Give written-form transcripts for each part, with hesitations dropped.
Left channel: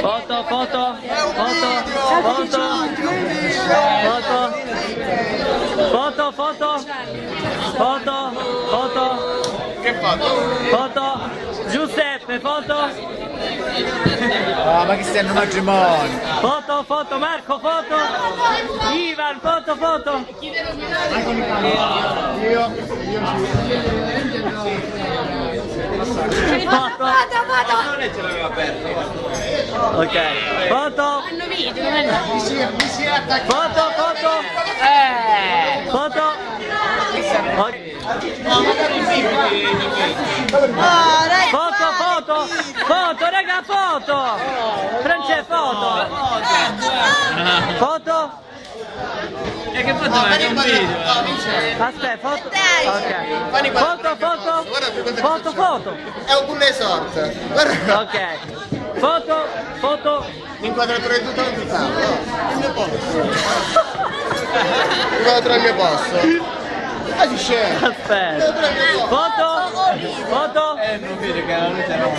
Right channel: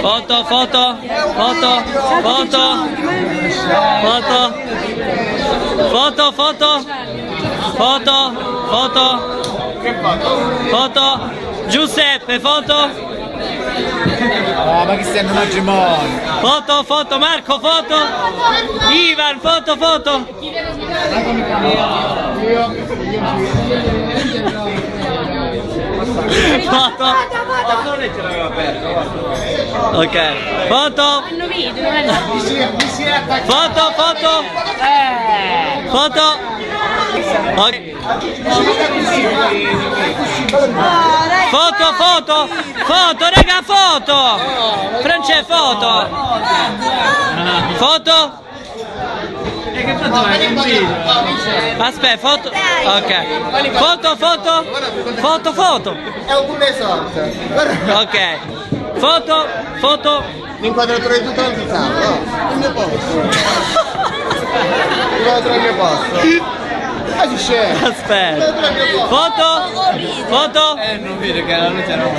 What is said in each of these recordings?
Foto, foto, foto, foto, foto, foto, foto, foto, foto, Che foto? foto, Giuseppe, foto, Ma che stai in un matrimonio? foto, foto, Marco, foto, Ivan, foto, foto. Foto. Ok, foto. Foto, foto. Foto. Ok. Foto, foto. Foto, raga, foto. Francesco, foto. Foto. Aspetta, foto. Ok. Foto, foto. Foto, foto. È un bulle sorte. Ok. Foto, foto. L'inquadratura di tutto il tavolo. Il mio posto. L'inquadratura del mio posto. Ma si scende. Aspetta. Foto. Foto. Non vedo che la luce no.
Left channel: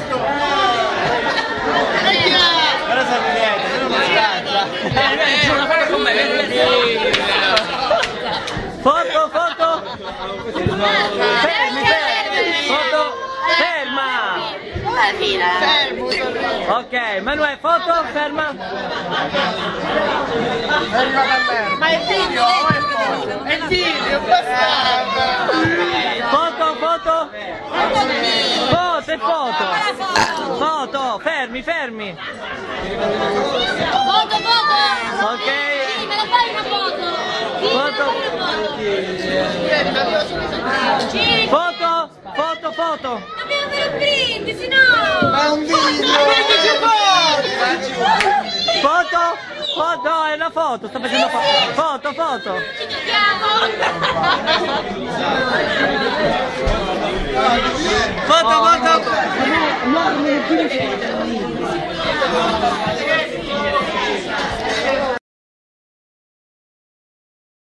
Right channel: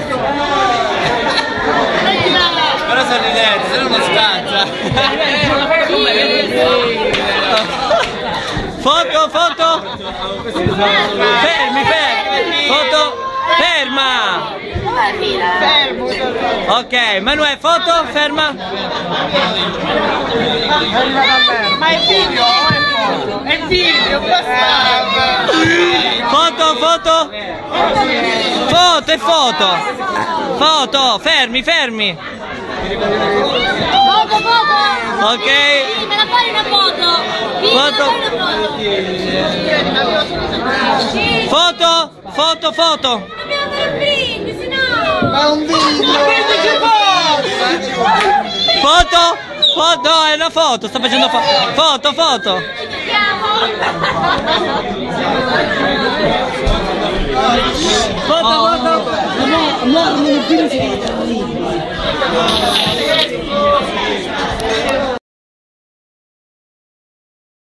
Però sono in letto, se no non scansa. Foto, foto. Fermi, fermi. Foto. Ferma. Ok, Manuel, foto, ferma. Ma è video, è video, Foto, foto. Foto e foto. Foto, fermi, fermi. Foto, foto! Ok. Sì, me la fai una foto! Sì, Foto, foto, foto. dobbiamo fare un brindisi, no! Ma è un video! Foto, foto, è una foto, sto facendo foto, foto. Foto, foto.